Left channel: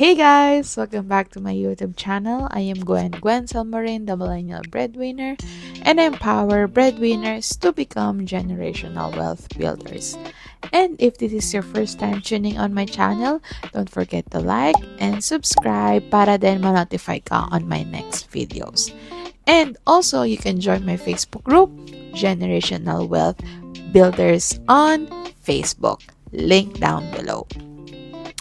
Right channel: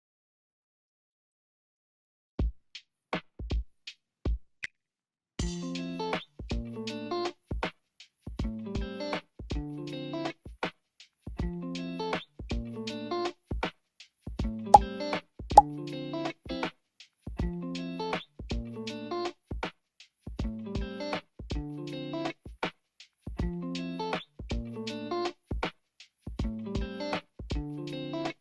Hey guys! Welcome back to my YouTube channel. I am Gwen Salmarin, the Millennial Breadwinner, and I empower breadwinners to become generational wealth builders. And if this is your first time tuning on my channel, don't forget to like and subscribe para din ma-notify ka on my next videos. And also, you can join my Facebook group, Generational Wealth Builders on Facebook. Link down below.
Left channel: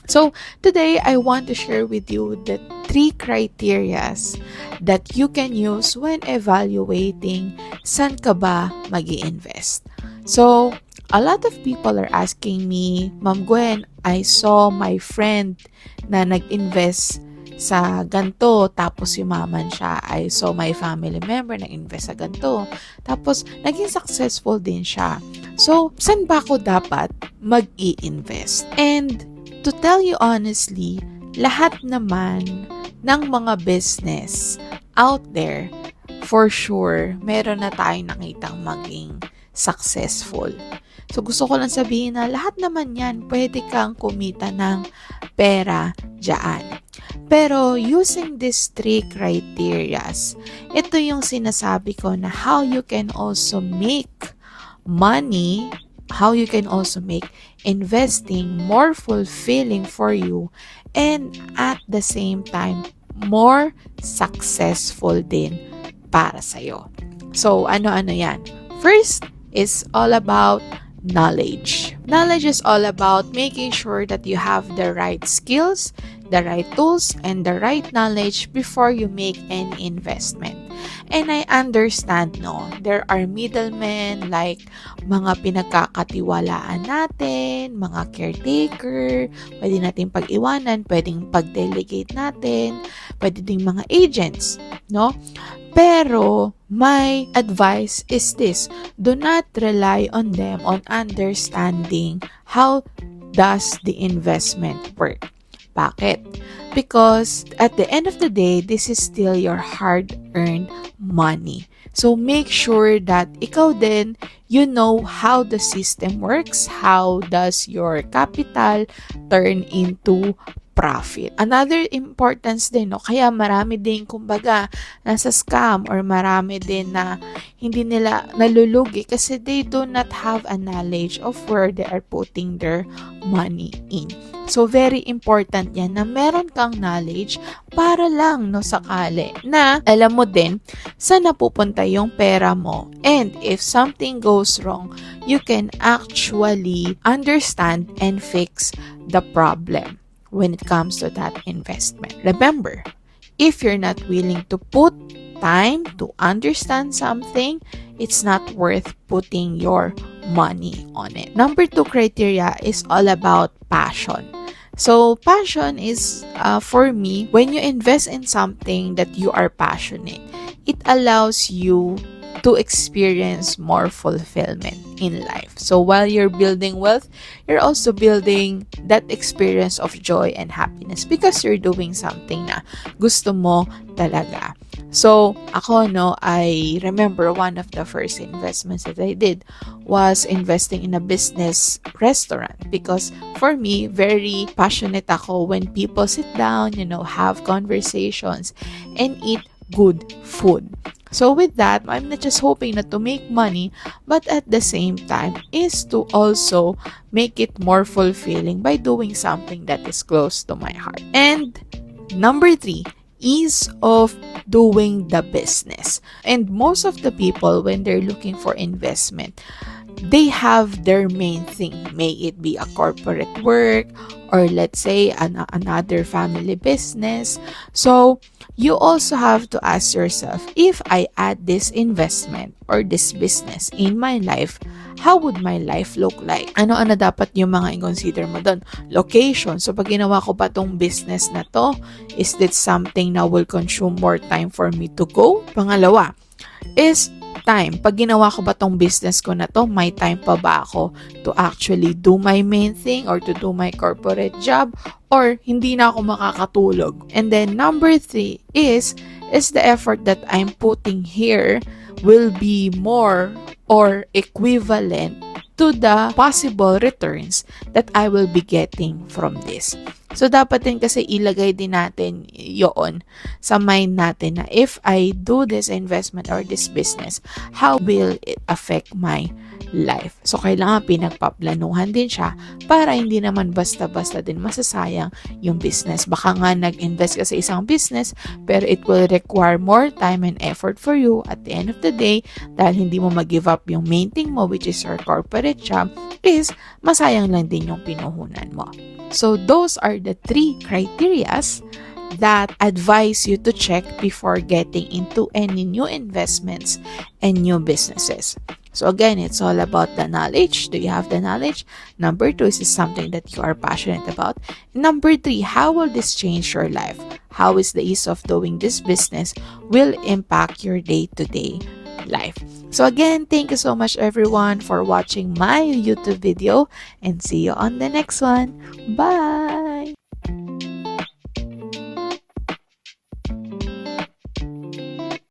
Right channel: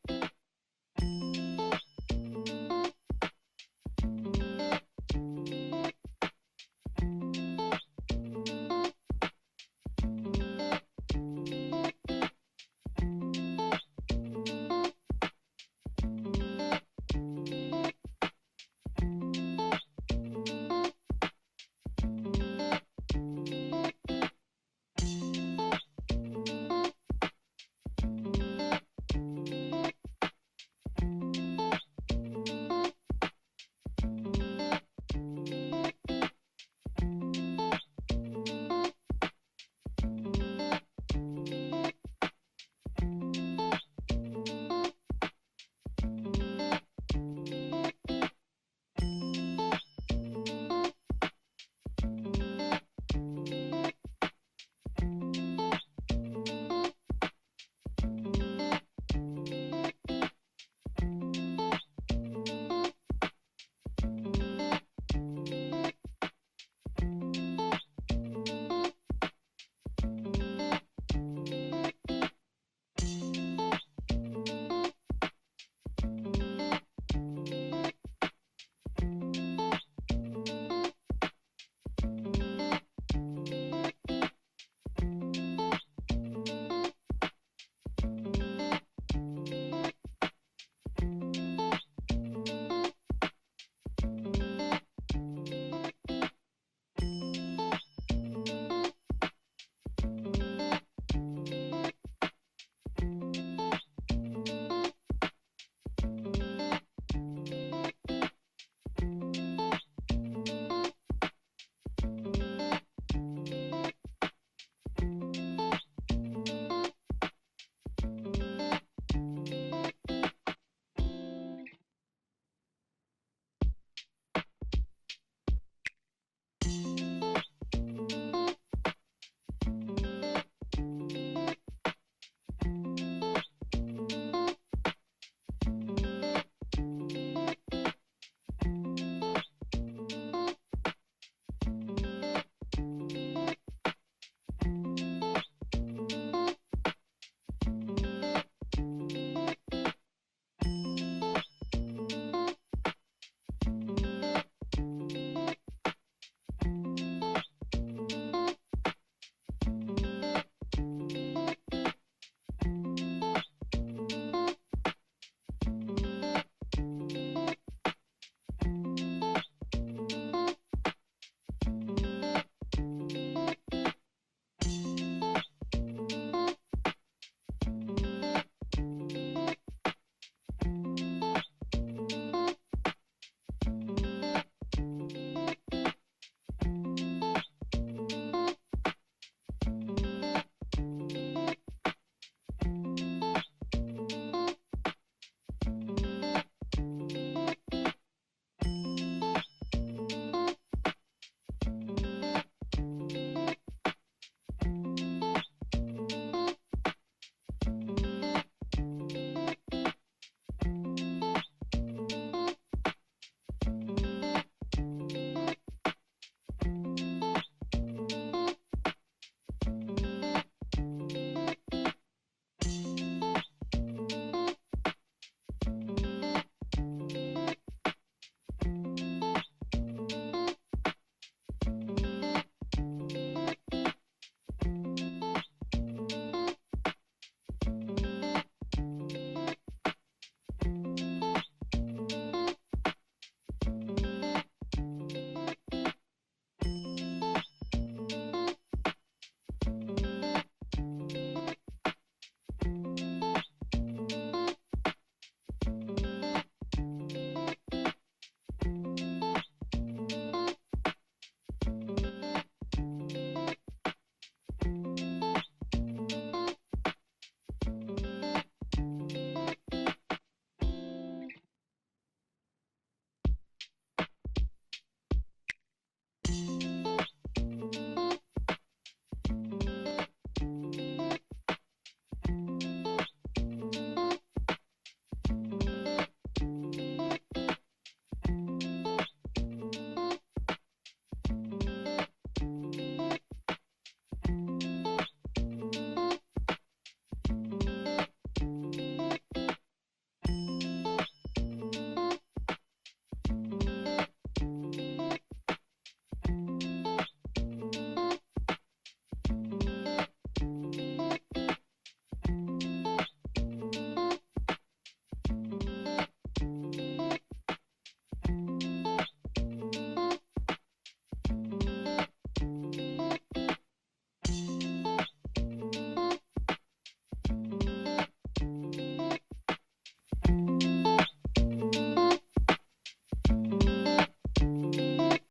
So, today I want to share with you the 3 criterias that you can use when evaluating saan ka ba mag-i-invest. So, a lot of people are asking me, Ma'am Gwen, I saw my friend na nag-invest sa ganto, tapos yumaman siya. I saw my family member nag-invest sa ganto, tapos naging successful din siya. So, saan ba ako dapat mag-i-invest? And to tell you honestly, lahat naman ng mga business out there, for sure, meron na tayong nakitang maging successful. So, gusto ko lang sabihin na lahat naman yan, pwede kang kumita ng pera dyan. Pero, using these 3 criterias, ito yung sinasabi ko na how you can also make money, how you can also make investing more fulfilling for you and at the same time more successful din para sa'yo. So, ano-ano yan? First is all about knowledge. Knowledge is all about making sure that you have the right skills, the right tools, and the right knowledge before you make any investment. And I understand, no, there are middlemen like mga pinagkakatiwalaan natin, mga caretaker, pwede natin pag-iwanan, pwedeng pag-delegate natin, pwede ding mga agents, no? Pero my advice is this, do not rely on them on understanding how does the investment work. Bakit? Because at the end of the day, this is still your hard-earned money. So make sure that ikaw din, you know how the system works, how does your capital turn into profit. Another importance din, no? Kaya marami din, kumbaga, nasa scam or marami din na hindi nila nalulugi kasi they do not have a knowledge of where they are putting their money in. So, very important yan na meron kang knowledge para lang, no, sakali na alam mo din saan napupunta yung pera mo. And if something goes wrong, you can actually understand and fix the problem when it comes to that investment. Remember, if you're not willing to put time to understand something, it's not worth putting your money on it. Number 2 criteria is all about passion. So, passion is, for me, when you invest in something that you are passionate, it allows you to experience more fulfillment in life. So, while you're building wealth, you're also building that experience of joy and happiness because you're doing something na gusto mo talaga. So, ako, no, I remember one of the first investments that I did was investing in a business restaurant because for me, very passionate ako when people sit down, have conversations and eat good food. So with that, I'm not just hoping not to make money, but at the same time is to also make it more fulfilling by doing something that is close to my heart. And number 3, ease of doing the business. And most of the people, when they're looking for investment, they have their main thing. May it be a corporate work or let's say another family business. So you also have to ask yourself, if I add this investment or this business in my life, how would my life look like? Ano-ano dapat yung mga i-consider mo doon? Location. So, pag ginawa ko pa tong business na to, is this something na will consume more time for me to go? Pangalawa, is time. Pag ginawa ko ba tong business ko na to, may time pa ba ako to actually do my main thing or to do my corporate job or hindi na ako makakatulog? And then number 3 is the effort that I'm putting here will be more or equivalent to the possible returns that I will be getting from this. So, dapat din kasi ilagay din natin yon sa mind natin na if I do this investment or this business, how will it affect my life? So, kailangan pinagpaplanuhan din siya para hindi naman basta-basta din masasayang yung business. Baka nga nag-invest ka sa isang business, pero it will require more time and effort for you at the end of the day dahil hindi mo mag-give up yung main thing mo, which is your corporate job, is masayang lang din yung pinuhunan mo. So those are the 3 criterias that advise you to check before getting into any new investments and new businesses. So again, it's all about the knowledge. Do you have the knowledge? Number 2, is this something that you are passionate about? Number 3, how will this change your life? How is the ease of doing this business will impact your day-to-day life? So again, thank you so much everyone for watching my YouTube video and see you on the next one. Bye!